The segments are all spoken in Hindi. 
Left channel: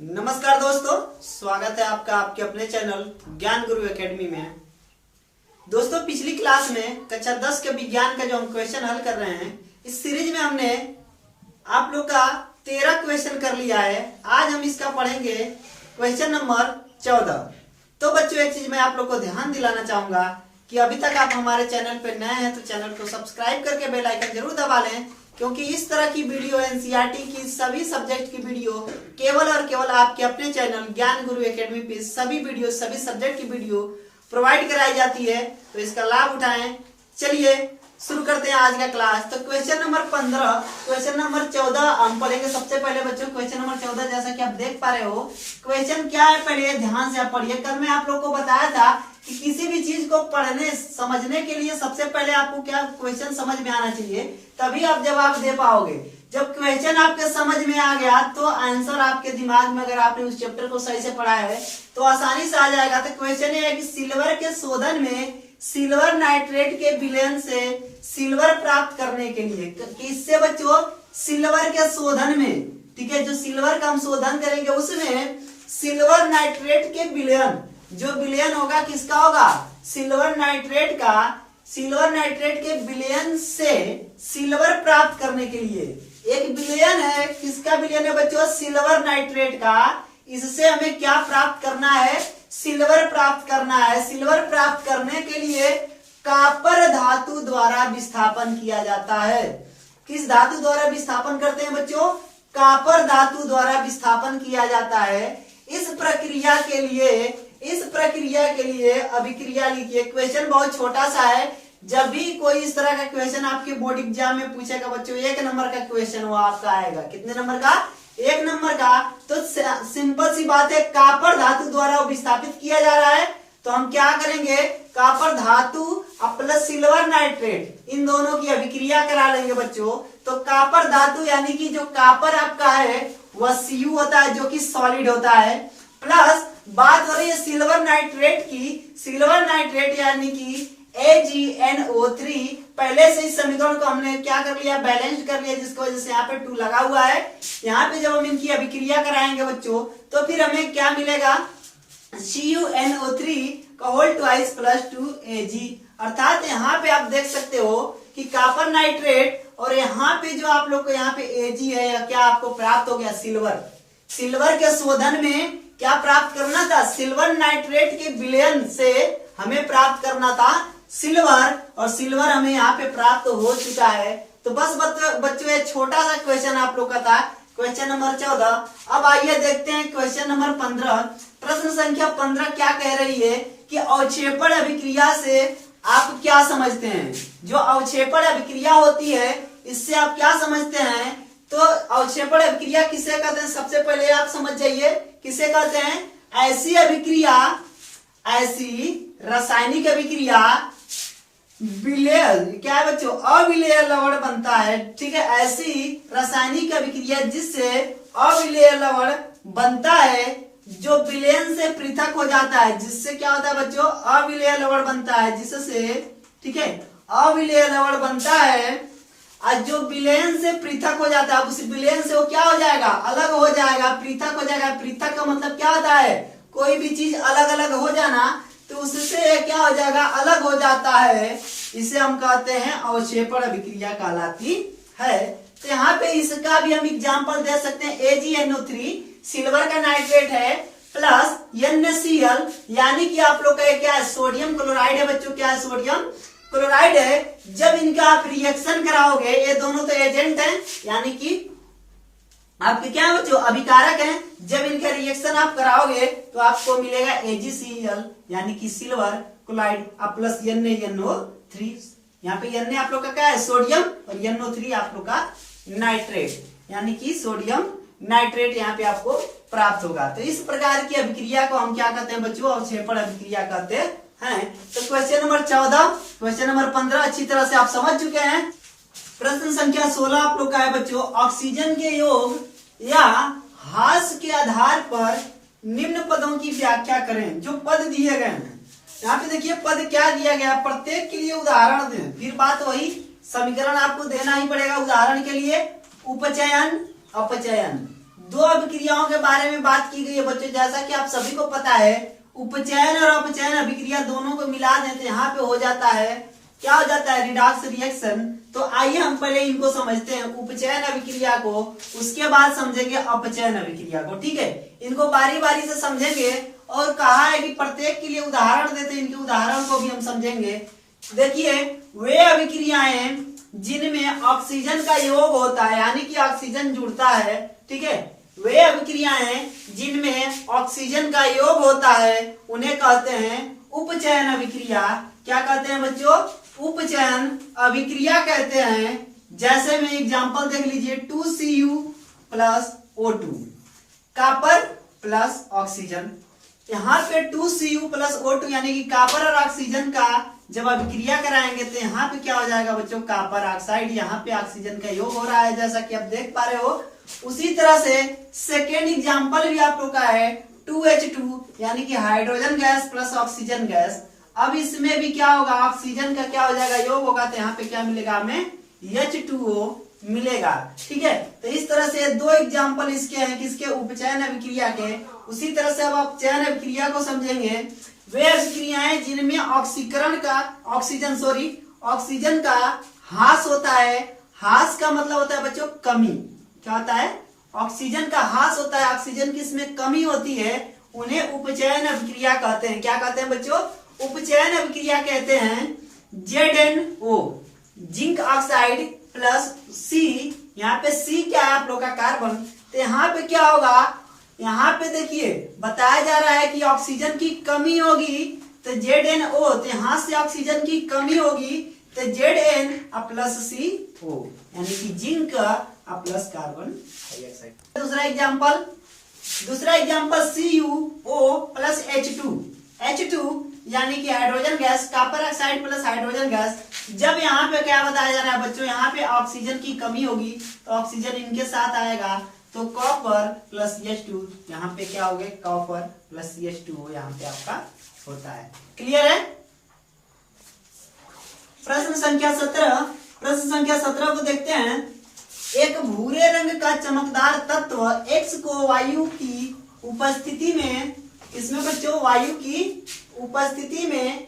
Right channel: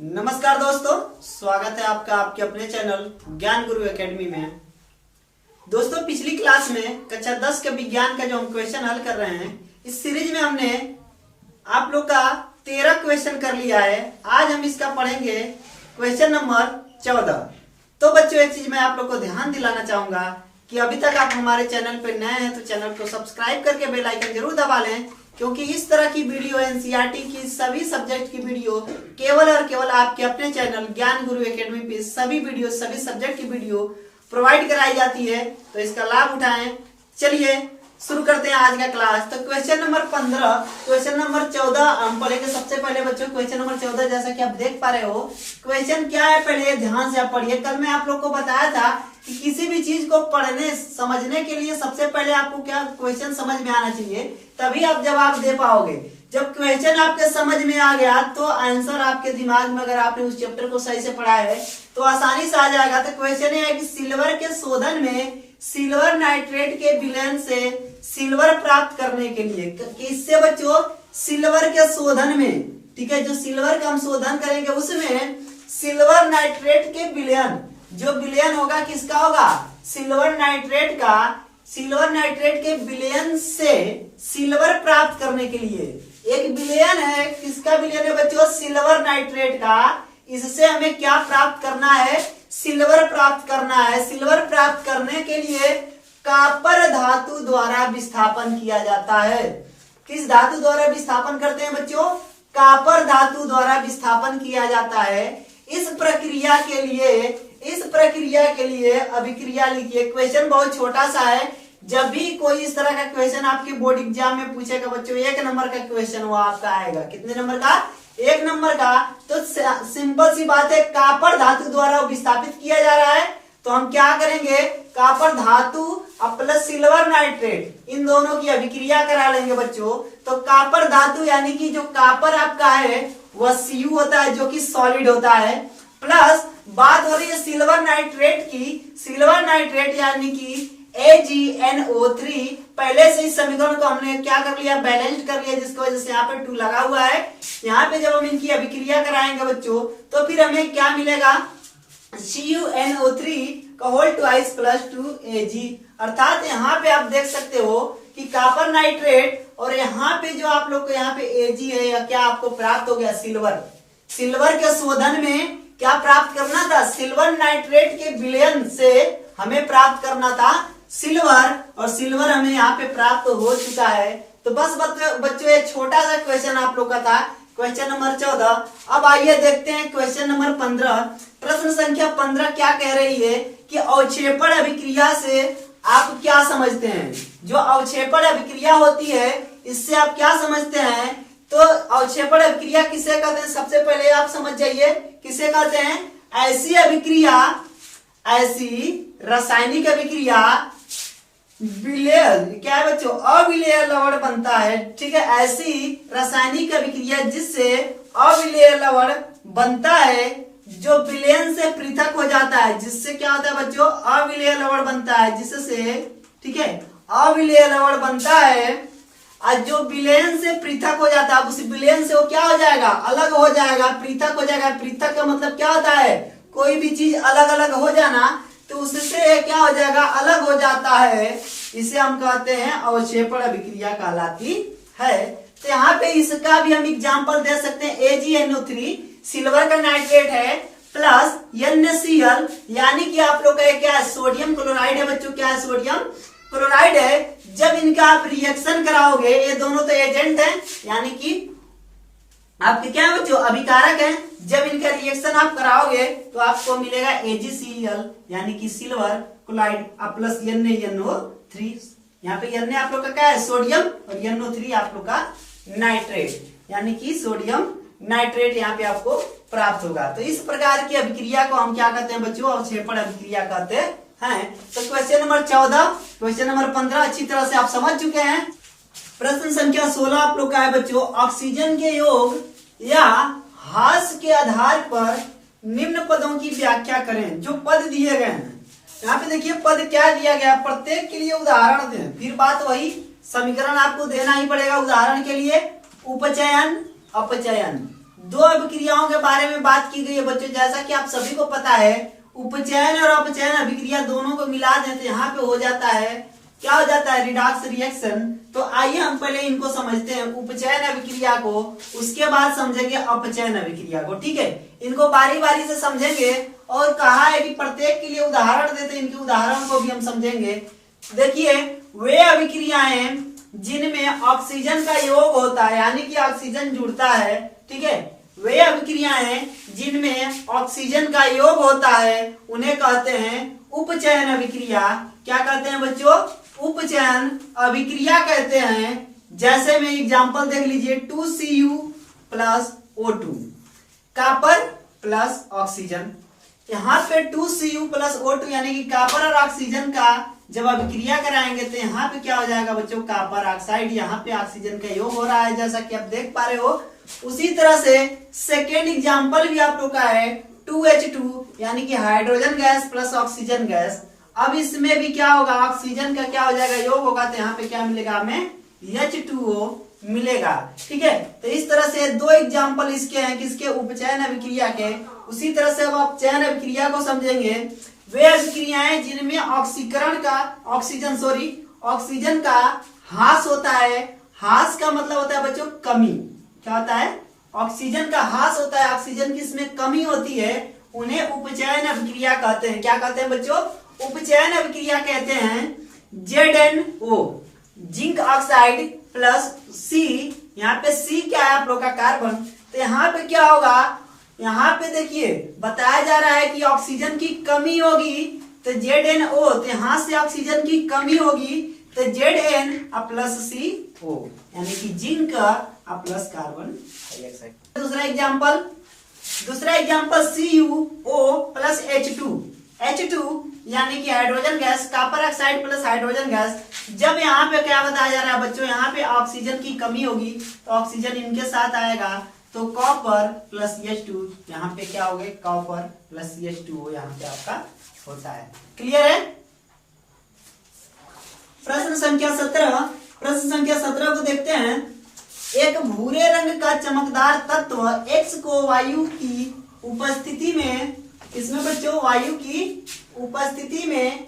नमस्कार दोस्तों, स्वागत है आपका आपके अपने चैनल ज्ञान गुरु एकेडमी में। दोस्तों, पिछली क्लास में कक्षा 10 के विज्ञान का जो हम क्वेश्चन हल कर रहे हैं, इस सीरीज में हमने आप लोग का 13 क्वेश्चन कर लिया है। आज हम इसका पढ़ेंगे क्वेश्चन नंबर 14। तो बच्चों, एक चीज मैं आप लोग को ध्यान दिलाना चाहूंगा कि अभी तक आप हमारे चैनल पर नए हैं तो चैनल को सब्सक्राइब करके बेल आइकन जरूर दबा लें, क्योंकि इस तरह की वीडियो एनसीईआरटी की सभी सब्जेक्ट की वीडियो केवल और केवल आपके अपने चैनल ज्ञान गुरु एकेडमी पे सभी सब्जेक्ट की वीडियो प्रोवाइड कराई जाती है। तो इसका लाभ उठाएं। चलिए शुरू करते हैं आज का क्लास। तो क्वेश्चन नंबर 15, क्वेश्चन नंबर 14 हम पढ़ेंगे। सबसे पहले बच्चों क्वेश्चन नंबर 14 जैसा कि आप देख पा रहे हो, क्वेश्चन क्या है पहले ध्यान से आप पढ़िए। कल मैं आप लोग को बताया था कि किसी भी चीज को पढ़ने समझने के लिए सबसे पहले आपको क्या क्वेश्चन समझ में आना चाहिए, तभी आप जवाब दे पाओगे। जब क्वेश्चन आपके समझ में आ गया तो आंसर आपके दिमाग में, अगर आपने उस चैप्टर को सही से पढ़ा है तो आसानी से आ जाएगा। तो क्वेश्चन है कि सिल्वर के शोधन में सिल्वर नाइट्रेट के विलयन से सिल्वर प्राप्त करने के लिए, किससे बच्चों? सिल्वर के शोधन में, ठीक है, जो सिल्वर का हम शोधन करेंगे उसमें सिल्वर नाइट्रेट के विलयन, जो विलयन होगा किसका होगा? सिल्वर नाइट्रेट का। सिल्वर नाइट्रेट के विलयन से सिल्वर प्राप्त करने के लिए एक विलयन है। किसका विलयन है बच्चों? सिल्वर नाइट्रेट का। इससे हमें क्या प्राप्त करना है? सिल्वर प्राप्त करना है। सिल्वर प्राप्त करने के लिए कॉपर धातु द्वारा विस्थापन किया जाता है। किस धातु द्वारा विस्थापन करते हैं बच्चों? कॉपर धातु द्वारा विस्थापन किया जाता है। इस प्रक्रिया के लिए अभिक्रिया लिखिए। क्वेश्चन बहुत छोटा सा है। जब भी कोई इस तरह का क्वेश्चन आपके बोर्ड एग्जाम में पूछेगा बच्चों, 1 नंबर का क्वेश्चन वो आपका आएगा। कितने नंबर का? 1 नंबर का। तो सिंपल सी बात है, कॉपर धातु द्वारा विस्थापित किया जा रहा है। तो हम क्या करेंगे? कॉपर धातु प्लस सिल्वर नाइट्रेट, इन दोनों की अभिक्रिया करा लेंगे बच्चों। तो कॉपर धातु यानी कि जो कॉपर आपका है वह Cu होता है, जो कि सॉलिड होता है, प्लस बात हो रही है सिल्वर नाइट्रेट की। सिल्वर नाइट्रेट यानी कि AgNO3। पहले से इस समीकरण को हमने क्या कर लिया? बैलेंस्ड कर लिया, जिसकी वजह से यहाँ पे 2 लगा हुआ है। यहाँ पे जब हम इनकी अभिक्रिया कराएंगे बच्चों तो फिर हमें क्या मिलेगा? CuNO3 का होल ट्वाइस प्लस 2Ag। अर्थात यहाँ पे आप देख सकते हो कि कॉपर नाइट्रेट और यहाँ पे जो आप लोग को यहाँ पे Ag है, क्या आपको प्राप्त हो गया? सिल्वर। सिल्वर के शोधन में क्या प्राप्त करना था? सिल्वर नाइट्रेट के विलयन से हमें प्राप्त करना था सिल्वर, और सिल्वर हमें यहाँ पे प्राप्त हो चुका है। तो बस बच्चों एक छोटा सा क्वेश्चन आप लोग का था, क्वेश्चन नंबर 14। अब आइए देखते हैं क्वेश्चन नंबर 15। प्रश्न संख्या 15 क्या कह रही है कि अवक्षेपण अभिक्रिया से आप क्या समझते हैं? जो अवक्षेपण अभिक्रिया होती है इससे आप क्या समझते हैं? तो अवक्षेपण अभिक्रिया किसे कहते हैं? सबसे पहले आप समझ जाइए किसे कहते हैं। ऐसी अभिक्रिया, ऐसी रासायनिक अभिक्रिया विलेय, क्या है बच्चों? अविलेय लवण बनता है, ठीक है। ऐसी रासायनिक अभिक्रिया जिससे अविलेय लवण बनता है, जो विलयन से पृथक हो जाता है, जिससे क्या होता है बच्चों? अविलेय लवण बनता है, जिससे, ठीक है, अविलेय लवण बनता है। और जो विलयन से पृथक हो जाता है, उस विलयन से वो क्या हो जाएगा? अलग हो जाएगा, पृथक हो जाएगा। पृथक का मतलब क्या होता है? कोई भी चीज अलग अलग हो जाना, तो उससे क्या हो जाएगा? अलग हो जाता है। इसे हम कहते हैं अवक्षेपण अभिक्रिया कहलाती है। तो यहाँ पे इसका भी हम एग्जांपल दे सकते हैं। AgNO3 सिल्वर का नाइट्रेट है, प्लस NaCl यानी कि आप लोग का क्या है? सोडियम क्लोराइड है बच्चों। क्या है? सोडियम क्लोराइड है। जब इनका आप रिएक्शन कराओगे, ये दोनों तो एजेंट हैं, यानी कि आपके क्या है बच्चों? अभिकारक हैं। जब इनका रिएक्शन आप कराओगे तो आपको मिलेगा AgCl यानी कि सिल्वर क्लोराइड प्लस NaNO3। यहाँ पे Na आप लोग का क्या है? सोडियम, और NO3 आप लोग का नाइट्रेट यानी कि सोडियम नाइट्रेट यहाँ पे आपको प्राप्त होगा। तो इस प्रकार की अभिक्रिया को हम क्या कहते हैं बच्चों? अवक्षेपण अभिक्रिया कहते हैं। तो क्वेश्चन नंबर 14, क्वेश्चन नंबर 15 अच्छी तरह से आप समझ चुके हैं। प्रश्न संख्या 16 आप लोग का है बच्चों, ऑक्सीजन के योग या ह्रास के आधार पर निम्न पदों की व्याख्या करें। जो पद दिए गए हैं यहाँ पे देखिए, पद क्या दिया गया, प्रत्येक के लिए उदाहरण दें। फिर बात वही, समीकरण आपको देना ही पड़ेगा उदाहरण के लिए। उपचयन, अपचयन, दो अभिक्रियाओं के बारे में बात की गई है बच्चों। जैसा कि आप सभी को पता है, उपचयन और अपचयन अभिक्रिया दोनों को मिला दें तो यहाँ पे हो जाता है, क्या हो जाता है, रिडॉक्स रिएक्शन। तो आइए हम पहले इनको समझते हैं, उपचयन अभिक्रिया को, उसके बाद समझेंगे अपचयन अभिक्रिया को। ठीक है, इनको बारी बारी से समझेंगे और कहा है कि प्रत्येक के लिए उदाहरण देते हैं, इनके उदाहरण को भी हम समझेंगे। देखिए, वे अभिक्रियाएं जिनमें ऑक्सीजन का योग होता है, यानी कि ऑक्सीजन जुड़ता है, ठीक है, वे अभिक्रियाएं जिनमें ऑक्सीजन का योग होता है उन्हें कहते हैं उपचयन अभिक्रिया। क्या कहते हैं बच्चों? उपचयन अभिक्रिया कहते हैं। जैसे में एग्जांपल देख लीजिए, 2Cu plus O2, copper plus oxygen. यहाँ पे 2Cu प्लस O2 यानी कि कॉपर और ऑक्सीजन का जब अभिक्रिया कराएंगे तो यहाँ पे क्या हो जाएगा बच्चों, कॉपर ऑक्साइड। यहाँ पे ऑक्सीजन का योग हो रहा है, जैसा कि आप देख पा रहे हो। उसी तरह से सेकेंड एग्जांपल भी आप लोग का है, 2H2 यानी कि hydrogen gas plus oxygen gas. अब इसमें भी क्या होगा, ऑक्सीजन का क्या हो जाएगा, योग होगा, तो यहाँ पे क्या मिलेगा हमें, H2O मिलेगा। ठीक है, तो इस तरह से दो एग्जांपल इसके हैं, किसके, उपचयन अभिक्रिया के। उसी तरह से अब आप चयन अभिक्रिया को समझेंगे। वे अभिक्रियाएं जिनमें ऑक्सीजन का ह्रास होता है। ह्रास का मतलब होता है बच्चों कमी। क्या होता है, ऑक्सीजन का ह्रास होता है, ऑक्सीजन की इसमें कमी होती है, उन्हें उपचयन अभिक्रिया कहते हैं। क्या कहते हैं बच्चों? उपचयन अभिक्रिया कहते हैं। ZnO zinc oxide plus C, यहाँ पे C क्या है आप लोग का, कार्बन। तो यहाँ पे क्या होगा, यहाँ पे देखिए बताया जा रहा है कि ऑक्सीजन की कमी होगी तो ZnO, तो यहाँ से ऑक्सीजन की कमी होगी तो Zn प्लस CO यानी कि जिंक प्लस कार्बन डाइऑक्साइड। दूसरा एग्जांपल CuO प्लस H2 यानी कि hydrogen gas, copper oxide plus hydrogen gas. जब यहाँ पे क्या बताया जा रहा है बच्चों, यहाँ पे ऑक्सीजन की कमी होगी तो ऑक्सीजन इनके साथ आएगा, तो कॉपर प्लस CH2, यहाँ पे क्या हो गए, कॉपर प्लस CH2O यहाँ पे आपका होता है। क्लियर है? प्रश्न संख्या 17 को देखते हैं। एक भूरे रंग का चमकदार तत्व X को वायु की उपस्थिति में, इसमें बच्चों वायु की उपस्थिति में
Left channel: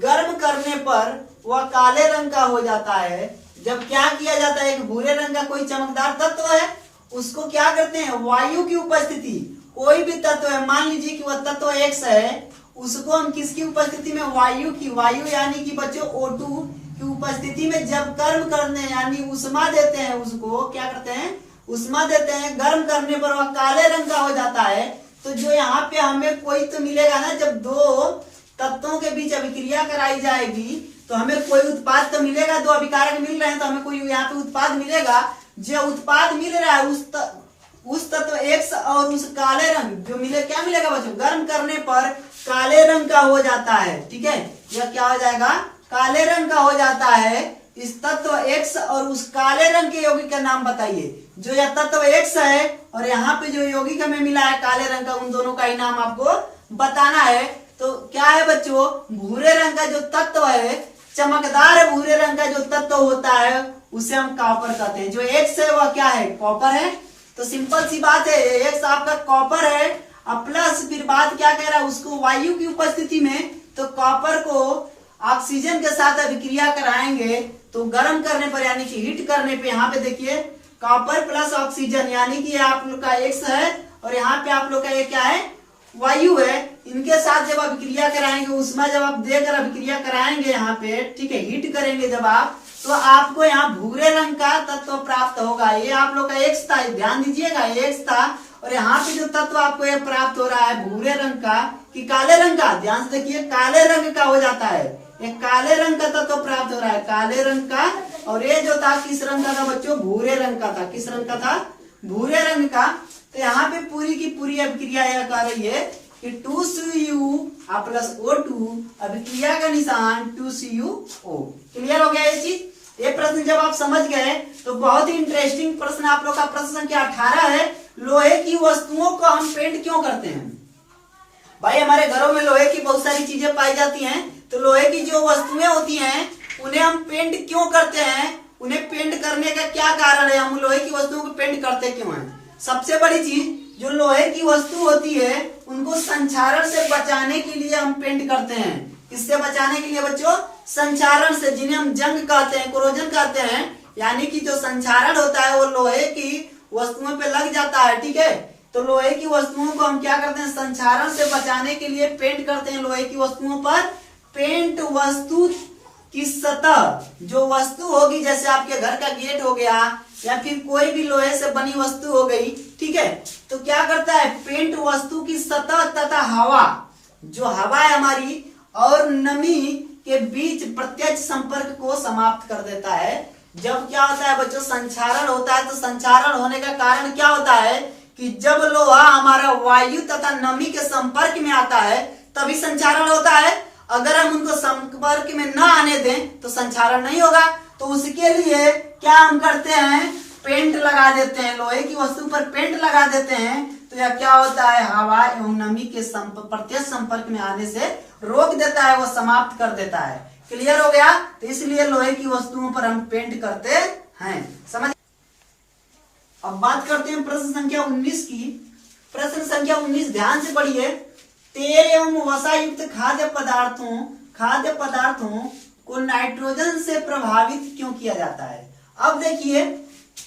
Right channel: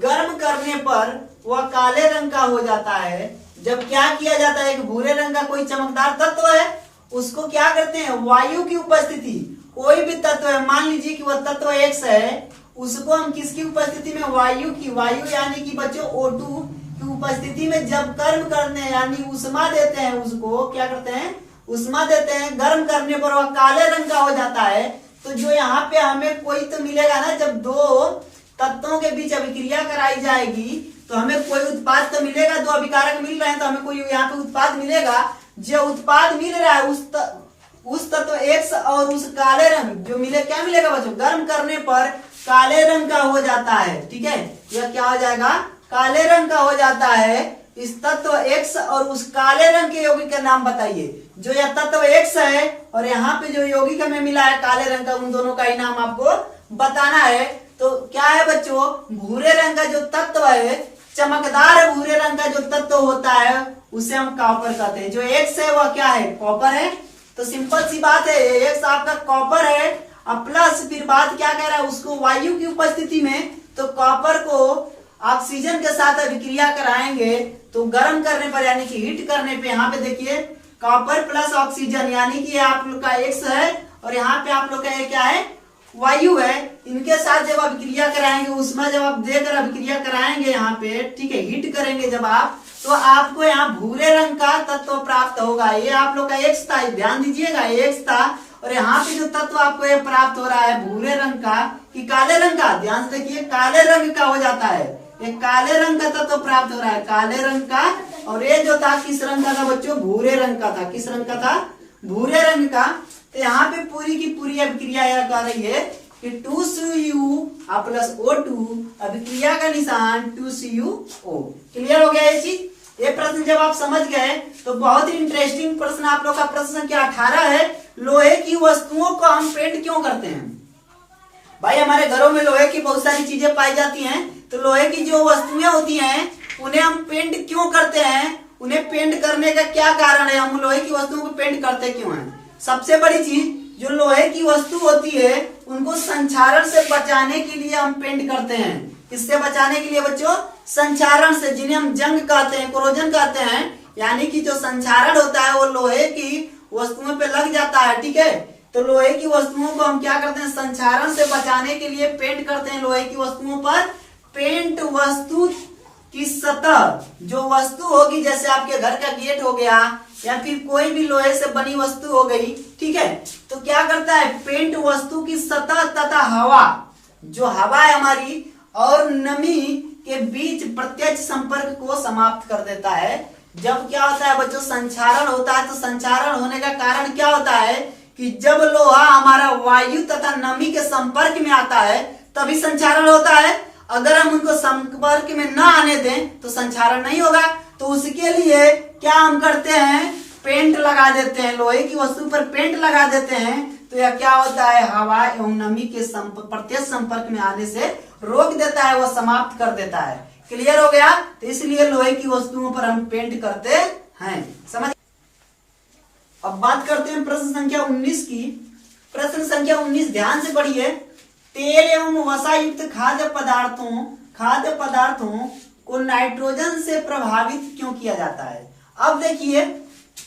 गर्म करने पर वह काले रंग का हो जाता है। जब क्या किया जाता है, एक भूरे रंग का कोई चमकदार तत्व है, उसको क्या करते हैं, वायु की उपस्थिति, कोई भी तत्व है, मान लीजिए कि वह तत्व X है, उसको हम किसकी उपस्थिति में, वायु यानी कि बच्चों O2 की उपस्थिति में जब गर्म करने यानी उष्मा देते हैं, उसको क्या करते हैं, उष्मा देते हैं, गर्म करने पर वह काले रंग का हो जाता है। तो जो यहाँ पे हमें कोई तो मिलेगा ना, जब दो तत्वों के बीच अभिक्रिया कराई जाएगी तो हमें कोई उत्पाद तो मिलेगा, दो अभिकारक मिल रहे हैं तो हमें कोई यहाँ पे उत्पाद मिलेगा। जो उत्पाद मिल रहा है उस तत्व X और उस काले रंग जो मिले, क्या मिलेगा बच्चों, गर्म करने पर काले रंग का हो जाता है। ठीक है, यह क्या हो जाएगा, काले रंग का हो जाता है। इस तत्व X और उस काले रंग के यौगिक का नाम बताइए। जो यह तत्व X है और यहाँ पे जो यौगिक हमें मिला है काले रंग का, उन दोनों का ही नाम आपको बताना है। तो क्या है बच्चों, भूरे रंग का जो तत्व है, चमकदार भूरे रंग का जो तत्व होता है उसे हम कॉपर कहते हैं। जो X है वह क्या है, कॉपर है। तो सिंपल सी बात है, X आपका कॉपर है। अब प्लस फिर बात क्या कह रहा है, उसको वायु की उपस्थिति में, तो कॉपर को ऑक्सीजन के साथ अभिक्रिया कराएंगे तो गर्म करने पर यानी कि हीट करने पे, यहाँ पे देखिए कॉपर प्लस ऑक्सीजन यानी कि आप लोग का X है और यहाँ पे आप लोग का ये क्या है, वायु है। इनके साथ जब अभिक्रिया कराएंगे, उसमें जब आप देकर अभिक्रिया कराएंगे यहाँ पे, ठीक है, हीट करेंगे जब आप, तो आपको यहाँ भूरे रंग का तत्व प्राप्त होगा। ये आप लोग का X था, ध्यान दीजिएगा, X था। और यहाँ पे जो तत्व आपको ये प्राप्त हो रहा है भूरे रंग का कि काले रंग का, ध्यान से देखिए, काले रंग का हो जाता है। एक काले रंग का तत्व प्राप्त हो रहा है, काले रंग का। और ये जो था किस रंग का था बच्चों, भूरे रंग का था। किस रंग का था, भूरे रंग का। तो यहाँ पे पूरी की पूरी अभिक्रिया यह कर रही है कि 2Cu प्लस O2, अभिक्रिया का निशान 2CuO। क्लियर हो गया ये चीज। ये प्रश्न जब आप समझ गए तो बहुत ही इंटरेस्टिंग प्रश्न आप लोग का प्रश्न संख्या 18 है। लोहे की वस्तुओं को हम पेंट क्यों करते हैं? भाई हमारे घरों में लोहे की बहुत सारी चीजें पाई जाती हैं, तो लोहे की जो वस्तुएं होती हैं उन्हें हम पेंट क्यों करते हैं? उन्हें पेंट करने का क्या कारण है, हम लोहे की वस्तुओं को पेंट करते क्यों हैं? सबसे बड़ी चीज जो लोहे की वस्तु होती है उनको संक्षारण से बचाने के लिए हम पेंट करते हैं। किससे बचाने के लिए बच्चों? संक्षारण से, जिन्हें हम जंग कहते हैं, कोरोजन कहते हैं। यानी कि जो संक्षारण होता है वो लोहे की वस्तुओं पे लग जाता है, ठीक है। तो लोहे की वस्तुओं को हम क्या करते हैं? संक्षारण से बचाने के लिए पेंट करते हैं लोहे की वस्तुओं पर। पेंट वस्तु की सतह, जो वस्तु होगी, जैसे आपके घर का गेट हो गया या फिर कोई भी लोहे से बनी वस्तु हो गई, ठीक है, तो क्या करता है? पेंट वस्तु की सतह तथा हवा, जो हवा है हमारी और नमी के बीच प्रत्यक्ष संपर्क को समाप्त कर देता है। जब क्या होता है बच्चों? संक्षारण होता है। तो संक्षारण होने का कारण क्या होता है कि जब लोहा हमारा वायु तथा नमी के संपर्क में आता है तभी संक्षारण होता है। अगर हम उनको संपर्क में न आने दें तो संक्षारण नहीं होगा। तो उसके लिए क्या हम करते हैं? पेंट लगा देते हैं, लोहे की वस्तु पर पेंट लगा देते हैं। तो यह क्या होता है? हवा एवं नमी के प्रत्यक्ष संपर्क में आने से रोक देता है, वह समाप्त कर देता है। क्लियर हो गया? तो इसलिए लोहे की वस्तुओं पर हम पेंट करते हैं। समझ? अब बात करते हैं प्रश्न संख्या 19 की। प्रश्न संख्या 19 ध्यान से पढ़िए। तेल एवं वसा युक्त खाद्य पदार्थों को नाइट्रोजन से प्रभावित क्यों किया जाता है? अब देखिए,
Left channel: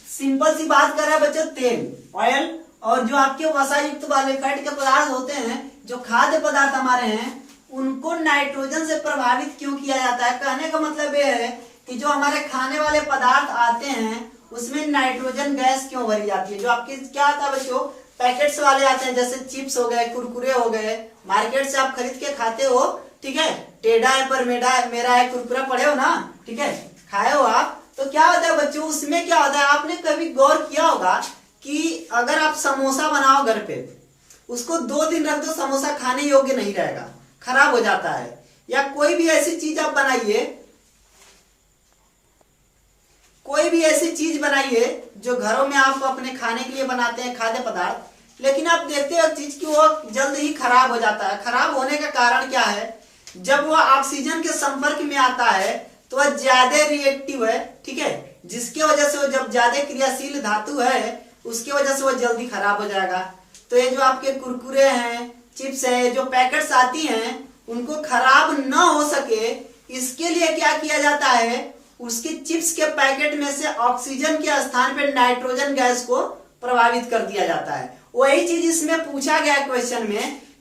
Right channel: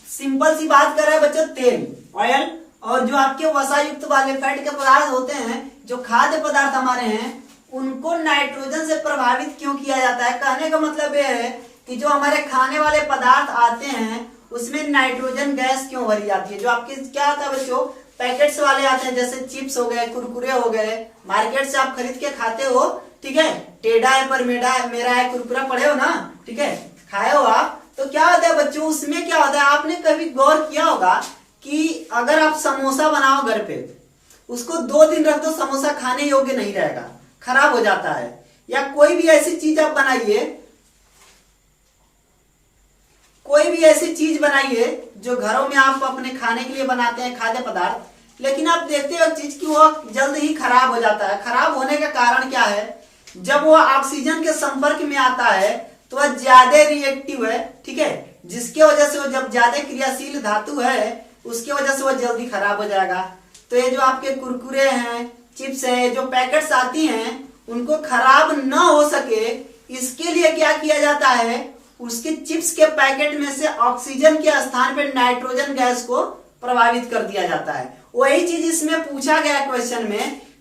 सिंपल सी बात कर रहे हैं बच्चों, तेल, ऑयल और जो आपके वसा युक्त वाले फैट के पदार्थ होते हैं, जो खाद्य पदार्थ हमारे हैं, उनको नाइट्रोजन से प्रभावित क्यों किया जाता है? कहने का मतलब यह है कि जो हमारे खाने वाले पदार्थ आते हैं उसमें नाइट्रोजन गैस क्यों भरी जाती है? जो आपके क्या आता है बच्चों? पैकेट्स वाले आते हैं, जैसे चिप्स हो गए, कुरकुरे हो गए, मार्केट से आप खरीद के खाते हो, ठीक है। टेढ़ा है पर मेरा है कुरकुरा पड़े हो ना, ठीक है, खाए हो आप। तो क्या होता है बच्चों, उसमें क्या होता है? आपने कभी गौर किया होगा कि अगर आप समोसा बनाओ घर पे, उसको 2 दिन रख दो, समोसा खाने योग्य नहीं रहेगा, खराब हो जाता है। या कोई भी ऐसी चीज आप बनाइए, कोई भी ऐसी चीज बनाइए जो घरों में आप अपने खाने के लिए बनाते हैं, खाद्य पदार्थ, लेकिन आप देखते हो चीज की वो जल्द ही खराब हो जाता है। खराब होने का कारण क्या है? जब वो ऑक्सीजन के संपर्क में आता है तो वह ज्यादा रिएक्टिव है, ठीक है, जिसके वजह से वो, जब ज्यादा क्रियाशील धातु है, उसके वजह से वो जल्दी खराब हो जाएगा। तो ये जो आपके कुरकुरे हैं, चिप्स हैं, जो पैकेट्स आती हैं, उनको खराब न हो सके इसके लिए क्या किया जाता है? उसके चिप्स के पैकेट में से ऑक्सीजन के स्थान पर नाइट्रोजन गैस को प्रभावित कर दिया जाता है। वही चीज इसमें पूछा गया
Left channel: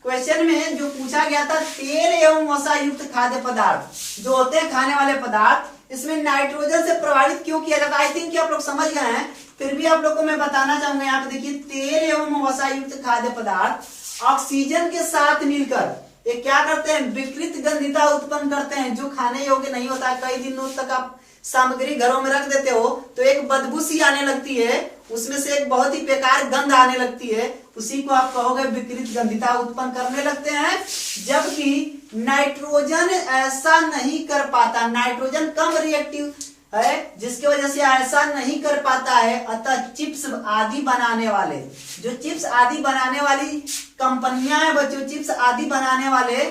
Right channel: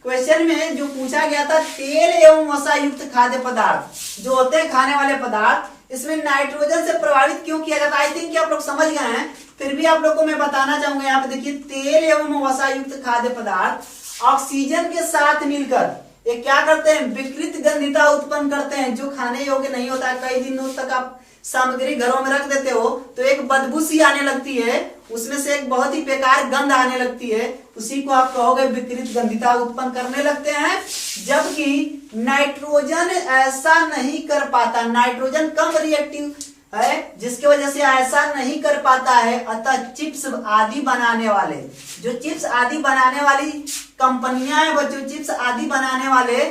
क्वेश्चन में जो पूछा गया था, तेल एवं वसा युक्त खाद्य पदार्थ जो होते हैं खाने वाले पदार्थ, इसमें नाइट्रोजन से प्रभावित क्यों किया जाता है? आई थिंक कि आप लोग समझ गए हैं, फिर भी आप लोग को मैं बताना चाहूंगा। यहाँ पे देखिए, तेल एवं वसा युक्त खाद्य पदार्थ ऑक्सीजन के साथ मिलकर ये क्या करते हैं? विकृत गंधिता उत्पन्न करते हैं, जो खाने योग्य नहीं होता है। कई दिनों तक आप सामग्री घरों में रख देते हो तो एक बदबू सी आने लगती है, उसमें से एक बहुत ही बेकार गंध आने लगती है, उसी को आप कहोगे विकृत गंधिता उत्पन्न करने लगते हैं। जबकि नाइट्रोजन ऐसा नहीं कर पाता, नाइट्रोजन कम रिएक्टिव है, जिसकी वजह से ऐसा नहीं कर पाता है। अतः चिप्स आदि बनाने वाले, जो चिप्स आदि बनाने वाली कंपनियां हैं बच्चों, चिप्स आदि बनाने वाले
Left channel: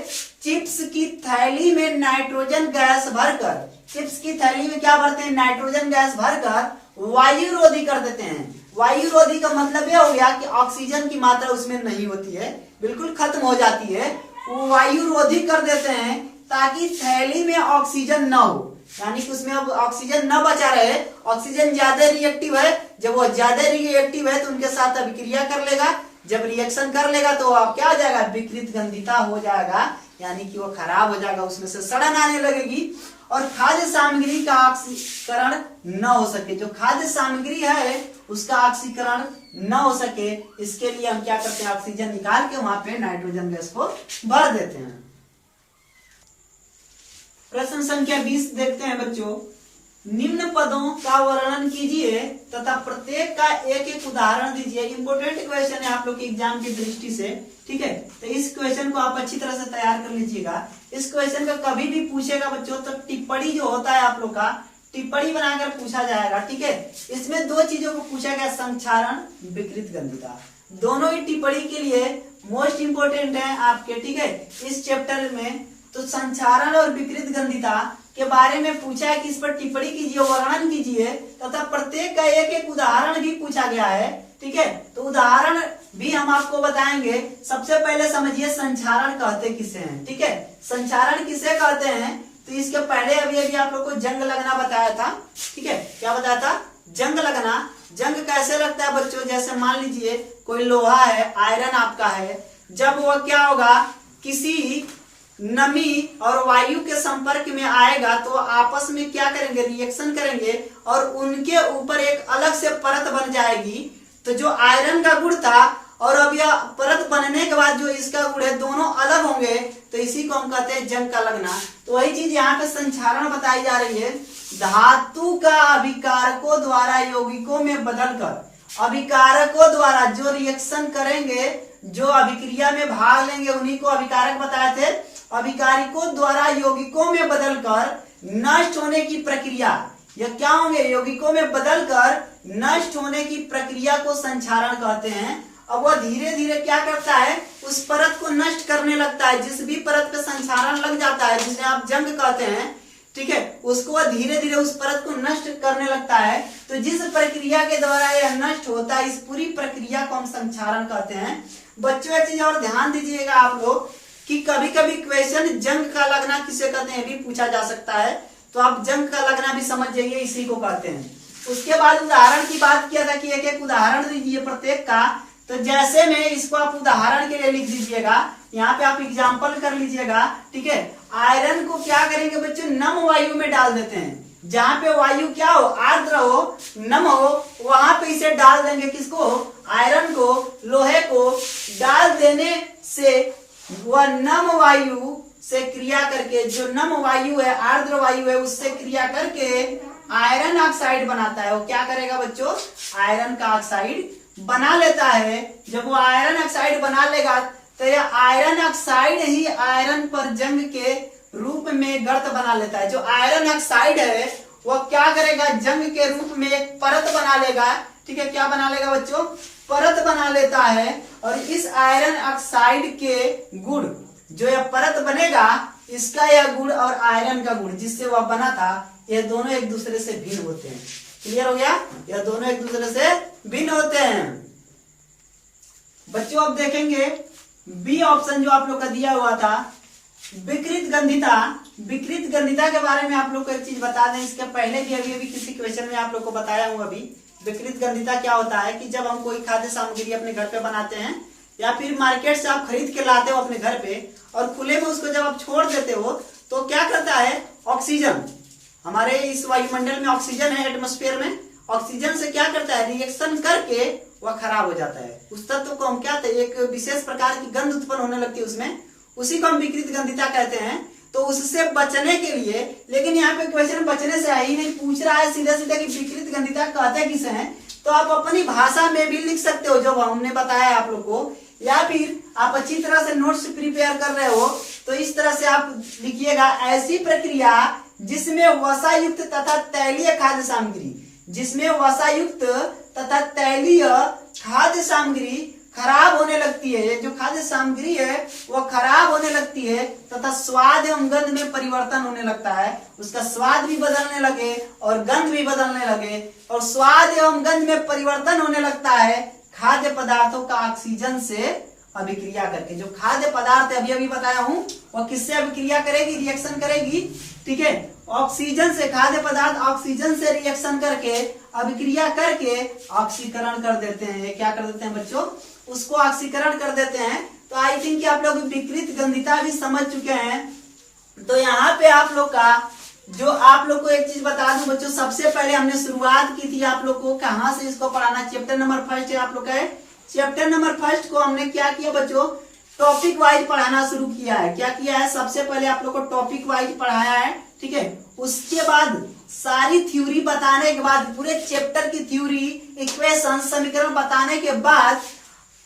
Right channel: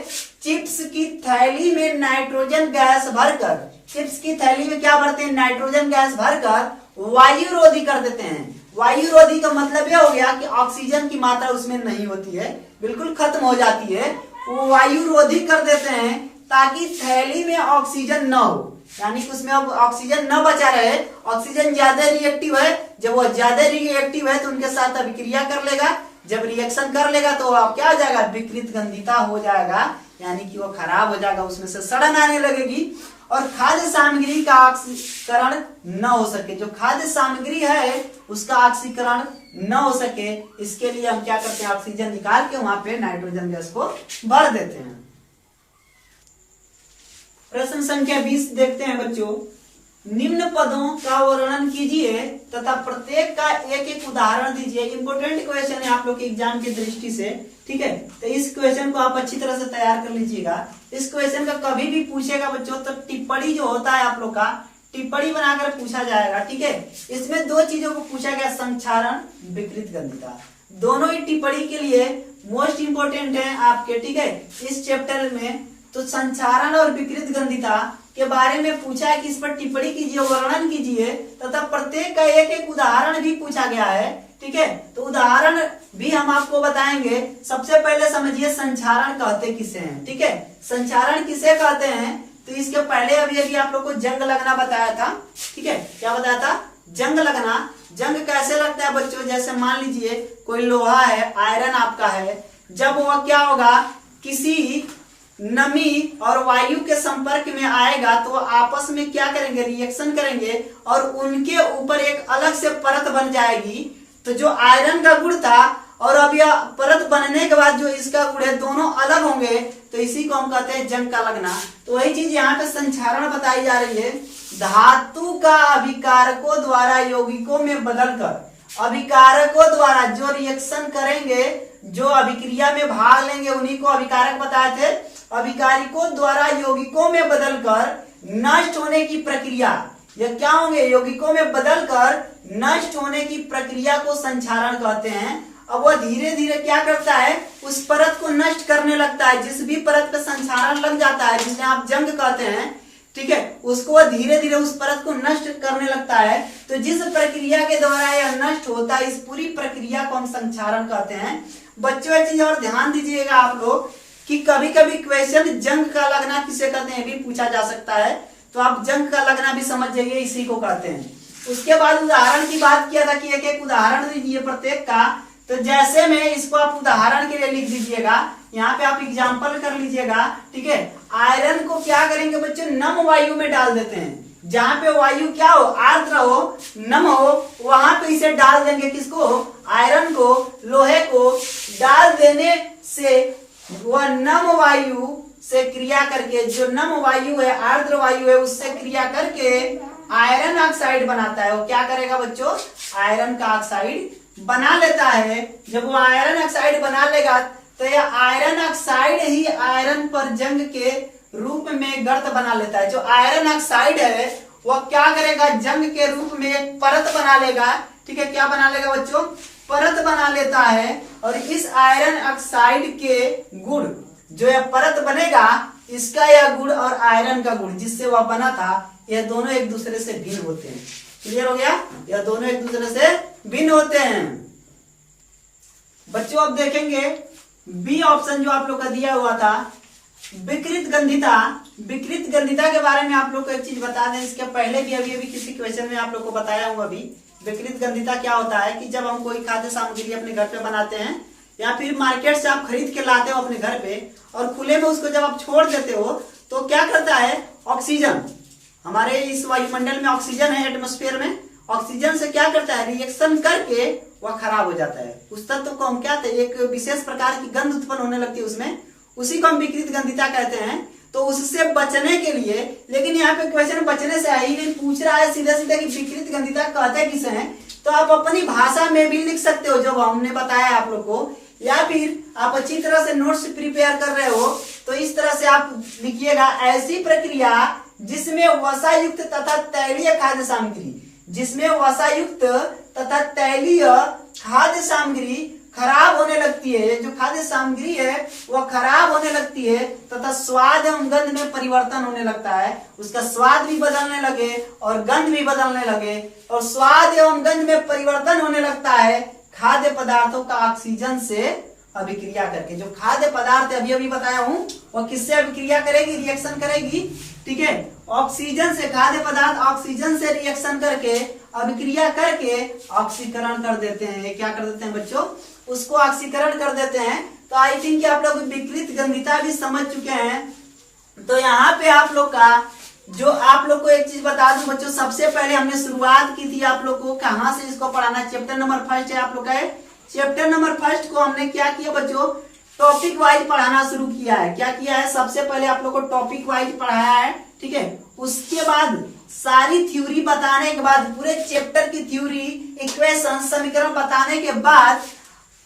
चिप्स की थैली में नाइट्रोजन गैस भरकर, चिप्स की थैली में क्या भरते हैं? नाइट्रोजन गैस भरकर वायुरोधी कर देते हैं। वायुरोधी का मतलब यह हो गया कि ऑक्सीजन की मात्रा उसमें नहीं होती है, बिल्कुल खत्म हो जाती है, वो वायुरोधी कर देते हैं ताकि थैली में ऑक्सीजन न हो, यानी कि उसमें अब ऑक्सीजन न बचा रहे। ऑक्सीजन ज्यादा रिएक्टिव है, जब वो ज्यादा रिएक्टिव है तो उनके साथ अभिक्रिया कर लेगा, जब रिएक्शन कर लेगा तो अब क्या हो जाएगा? विकृत गंधिता हो जाएगा, यानी कि वो खराब हो जाएगा, उसमें से सड़न आने लगेगी और खाद्य सामग्री का ऑक्सीकरण न हो सके। जो खाद्य सामग्री है उसका ऑक्सीकरण न हो सके, इसके लिए हम क्या करते हैं? ऑक्सीजन निकाल के वहां पे नाइट्रोजन गैस को भर देते हैं। प्रश्न संख्या 20 देखते हैं बच्चों। निम्न पदों का वर्णन कीजिए तथा प्रत्येक का एक एक उदाहरण दीजिए। इंपोर्टेंट क्वेश्चन है आप लोग के एग्जाम की दृष्टि से, ठीक है। तो इस क्वेश्चन को आप अच्छी तरह से तैयार कर लीजिएगा। इस क्वेश्चन का कभी भी पूछेगा बच्चों तो टिप्पणी जो होता है आप लोग का, टिप्पणी बनाकर पूछा जाएगा, ठीक है। इसमें 2 चीजों को पूछा गया, संक्षारण, विकृत गंधिता, दोनों ही टिप्पणी के लिए मोस्ट इंपोर्टेंट है आपके, ठीक है, इस चैप्टर में। तो संक्षारण और विकृत गंधिता के बारे में पूछा है कि इस पर टिप्पणी कीजिए, वर्णन कीजिए तथा प्रत्येक का एक एक उदाहरण भी पूछा गया है। ठीक है, तो उदाहरण भी हम आपको बताएंगे। सबसे पहले समझिए संचारण कहते किसे हैं। ठीक है, संचारण किसे कहते हैं, तो इसके पहले अभी आप लोग को जंग लगना बताया था। ठीक है, क्या बताया था, जंग लगना। जंग कैसे लगता है बच्चों, जैसे मान लीजिए कोई लोहा है, आयरन आपका है, जब वह क्या होगा किसी नमी और वायु के संपर्क में आएगा तो आपस में क्या करेंगे, रिएक्शन करेंगे और उनके ऊपर एक अलग से परत बन जाएगी। तो जो आयरन का गुण था और अब यह परत बनने के बाद जो इसका गुण है, दोनों अलग होंगे, तो इसी को हम कहते हैं जंग का लगना। तो वही चीज यहाँ पे संचारण बताई जा रही है। धातु का अभिकारकों द्वारा यौगिकों में बदलकर, अभिकारकों द्वारा जो रिएक्शन करेंगे, जो अभिक्रिया में भाग लेंगे, उन्हीं को अभिकारक बताए थे। अभिकारिकों द्वारा यौगिकों में बदलकर नष्ट होने की प्रक्रिया, यह क्या होंगे, यौगिकों में बदलकर नष्ट होने की प्रक्रिया को संचारण कहते हैं। अब वह धीरे धीरे क्या करता है, उस परत को नष्ट करने लगता है। जिस भी परत पे संचारण लग जाता है, जिसे आप जंग कहते हैं, ठीक है, उसको वह धीरे धीरे उस परत को नष्ट करने लगता है। तो जिस प्रक्रिया के द्वारा यह नष्ट होता है, इस पूरी प्रक्रिया को हम संचारण कहते हैं। बच्चों एक चीज और ध्यान दीजिएगा आप लोग कि कभी कभी क्वेश्चन जंग का लगना किसे कहते हैं भी पूछा जा सकता है, तो आप जंग का लगना भी समझ जाइए, इसी को कहते हैं। उसके बाद उदाहरण की बात किया था कि एक एक उदाहरण दीजिए प्रत्येक का। तो जैसे में इसको आप उदाहरण के लिए लिख दीजिएगा, यहाँ पे आप एग्जाम्पल कर लीजिएगा। ठीक है, आयरन को क्या करेंगे बच्चे, नम वायु में डाल देते हैं। जहाँ पे वायु क्या हो, आर्द्र हो, नम हो, वहां पे इसे डाल देंगे। किसको, आयरन को, लोहे को डाल देने से वह नम वायु से क्रिया करके, जो नम वायु है, आर्द्र वायु है, उससे क्रिया करके आयरन ऑक्साइड बनाता है। वो क्या करेगा बच्चों, आयरन का ऑक्साइड बना लेता है। जब वो आयरन ऑक्साइड बना लेगा तो यह आयरन ऑक्साइड ही आयरन पर जंग के रूप में गर्त बना लेता है। जो आयरन ऑक्साइड है वह क्या करेगा, जंग के रूप में एक परत बना लेगा। ठीक है, क्या बना लेगा बच्चों, परत बना लेता है। और इस आयरन ऑक्साइड के गुण, जो यह परत बनेगा, इसका यह गुण और आयरन का गुण जिससे वह बना था, यह दोनों एक दूसरे से भिन्न होते हैं। क्लियर हो गया, यह दोनों एक दूसरे से भिन्न होते हैं। बच्चों अब देखेंगे बी ऑप्शन जो आप लोग का दिया हुआ था, विकृत गंधिता। विकृत गंधिता के बारे में आप लोग को एक चीज बता दें, इसके पहले भी अभी किसी क्वेश्चन में आप लोग को बताया हूँ। अभी विकृत गंधिता क्या होता है कि जब हम कोई खाद्य सामग्री अपने घर पे बनाते हैं या फिर मार्केट से आप खरीद के लाते हो अपने घर पे और खुले में उसको जब आप छोड़ देते हो तो क्या करता है, ऑक्सीजन, हमारे इस वायुमंडल में ऑक्सीजन है, एटमॉस्फेयर में, ऑक्सीजन से क्या करता है, रिएक्शन करके वह खराब हो जाता है। उस तत्व को हम क्या कहते हैं, एक विशेष प्रकार की गंध उत्पन्न होने लगती है उसमें, उसी को हम विकृत गंधिता कहते हैं। तो उससे बचने के लिए, लेकिन यहाँ पे क्वेश्चन बचने से ही नहीं पूछ रहा है सीधा सीधा कि विकृत गंधिता कहते किसे हैं, तो आप अपनी भाषा में भी लिख सकते हो जो हमने बताया है आप लोग को, या फिर आप अच्छी तरह से नोट्स प्रिपेयर कर रहे हो तो इस तरह से आप लिखिएगा, ऐसी प्रक्रिया जिसमें वसायुक्त तथा तैलीय खाद्य सामग्री, जिसमें वसायुक्त तथा तैलीय खाद्य सामग्री खराब होने लगती है, जो खाद्य सामग्री है वह खराब होने लगती है तथा स्वाद एवं गंध में परिवर्तन होने लगता है। उसका स्वाद भी बदलने लगे और गंध भी बदलने लगे, और स्वाद एवं गंध में परिवर्तन होने लगता है खाद्य पदार्थों का ऑक्सीजन से अभिक्रिया करके। जो खाद्य पदार्थ अभी अभी बताया हूँ वह किससे अभिक्रिया करेगी, रिएक्शन करेगी। ठीक है, ऑक्सीजन से, खाद्य पदार्थ ऑक्सीजन से रिएक्शन करके, अभिक्रिया करके ऑक्सीकरण कर देते हैं। ये क्या कर देते हैं बच्चों, उसको ऑक्सीकरण कर देते हैं। तो आई थिंक आप लोग विकृत गंधिता भी समझ चुके हैं। तो यहाँ पे आप लोग का, जो आप लोग को एक चीज बता दूं बच्चों, सबसे पहले हमने शुरुआत की थी आप लोग को कहाँ से इसको पढ़ाना। चैप्टर नंबर 1 है आप लोग का, चैप्टर नंबर 1 को हमने क्या किया बच्चों, टॉपिक वाइज पढ़ाना शुरू किया है। क्या किया है, सबसे पहले आप लोग को टॉपिक वाइज पढ़ाया है। ठीक है, उसके बाद सारी थ्योरी बताने के बाद, पूरे चैप्टर की थ्योरी, इक्वेशन, समीकरण बताने के बाद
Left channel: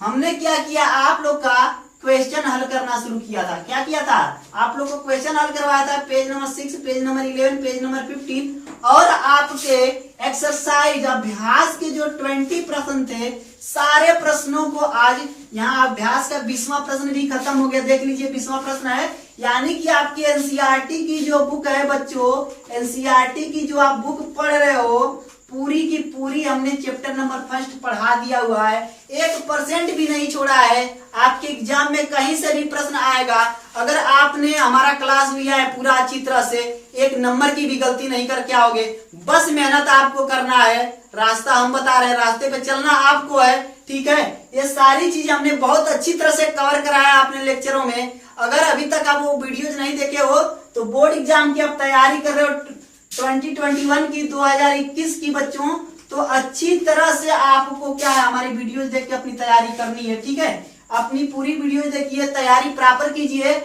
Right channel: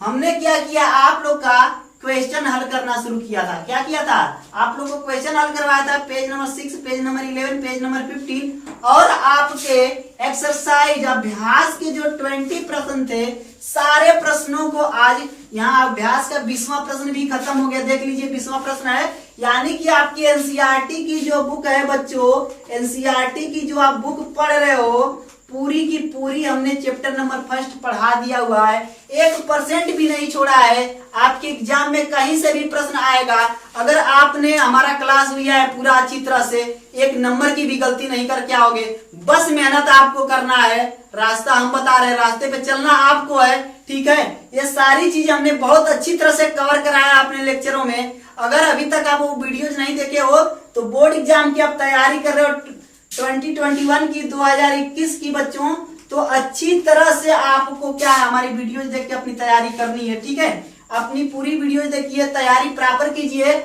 हमने क्या किया, आप लोग का क्वेश्चन हल करना शुरू किया था। क्या किया था, आप लोग को क्वेश्चन हल करवाया था, page number 6, page number 11, page number 15, और आपके एक्सरसाइज अभ्यास के जो 20 प्रश्न थे, सारे प्रश्नों को आज यहाँ अभ्यास का 20वां प्रश्न भी खत्म हो गया। देख लीजिए 20वां प्रश्न है, यानी कि आपकी एनसीईआरटी की जो बुक है बच्चों, एनसीईआरटी की जो आप बुक पढ़ रहे हो पूरी की पूरी हमने चैप्टर नंबर फर्स्ट पढ़ा दिया हुआ है, 1% भी नहीं छोड़ा है। आपके एग्जाम में कहीं से भी प्रश्न आएगा, अगर आपने हमारा क्लास लिया है पूरा अच्छी तरह से, 1 नंबर की भी गलती नहीं करके आओगे। बस मेहनत आपको करना है, रास्ता हम बता रहे हैं, रास्ते पे चलना आपको है, ठीक है। ये सारी चीज हमने बहुत अच्छी तरह से कवर कराया अपने लेक्चरों में। अगर अभी तक आप वो वीडियोज नहीं देखे हो तो बोर्ड एग्जाम की आप तैयारी कर रहे हो 2021 की, 2021 की बच्चों, तो अच्छी तरह से आपको क्या है हमारी वीडियोज देख के अपनी तैयारी करनी है, ठीक है। अपनी पूरी वीडियो देखिए, तैयारी प्रॉपर कीजिए।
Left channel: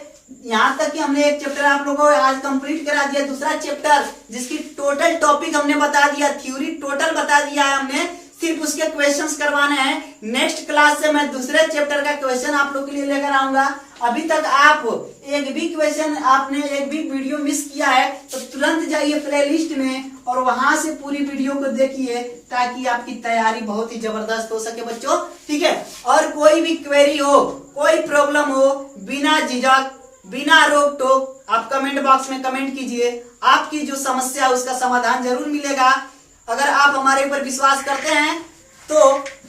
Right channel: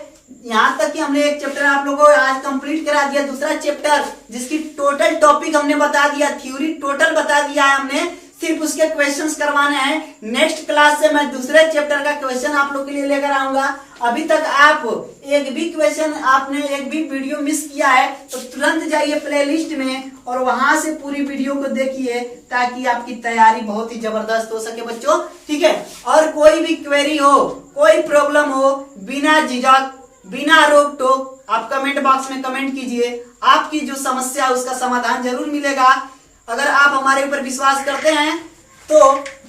यहाँ तक कि हमने एक चैप्टर आप लोगों को आज कंप्लीट करा दिया, दूसरा चैप्टर जिसकी टोटल टॉपिक हमने बता दिया, थ्योरी टोटल बता दिया है हमने, सिर्फ उसके क्वेश्चंस करवाने हैं। नेक्स्ट क्लास से मैं दूसरे चैप्टर का क्वेश्चन आप लोग के लिए लेकर आऊंगा। अभी तक आप एक भी क्वेश्चन, आपने एक भी वीडियो मिस किया है तो तुरंत जाइए प्लेलिस्ट में और वहां से पूरी वीडियो को देखिए, ताकि आपकी तैयारी बहुत ही जबरदस्त हो सके बच्चों, ठीक है। और कोई भी क्वेरी हो, कोई प्रॉब्लम हो, बिना झिझक बिना रोक टोक आप कमेंट बॉक्स में कमेंट कीजिए। आपकी जो समस्या है उसका समाधान जरूर मिलेगा। अगर आप हमारे ऊपर विश्वास करते हैं तो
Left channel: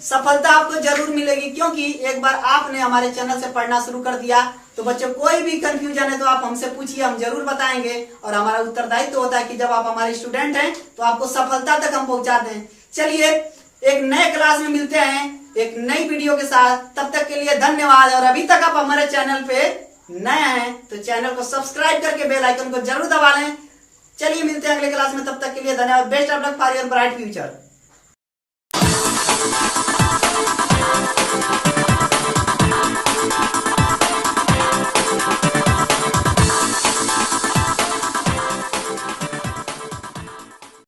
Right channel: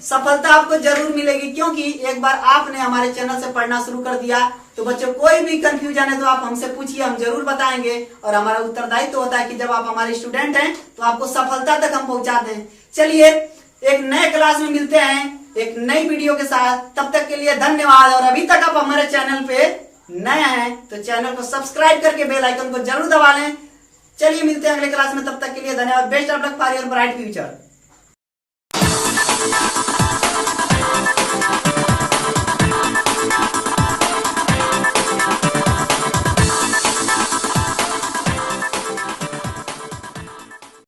सफलता आपको जरूर मिलेगी, क्योंकि एक बार आपने हमारे चैनल से पढ़ना शुरू कर दिया तो बच्चों कोई भी कंफ्यूजन है तो आप हमसे पूछिए, हम जरूर बताएंगे। और हमारा उत्तरदायित्व होता है कि जब आप हमारे स्टूडेंट हैं तो आपको सफलता तक हम पहुंचाते हैं। चलिए एक नए क्लास में मिलते हैं एक नई वीडियो के साथ, तब तक के लिए धन्यवाद। और अभी तक आप हमारे चैनल पे नया हैं तो चैनल को सब्सक्राइब करके बेल आइकन को जरूर दबा लें। चलिए मिलते हैं अगले क्लास में, तब तक के लिए धन्यवाद। Best of luck for your bright future.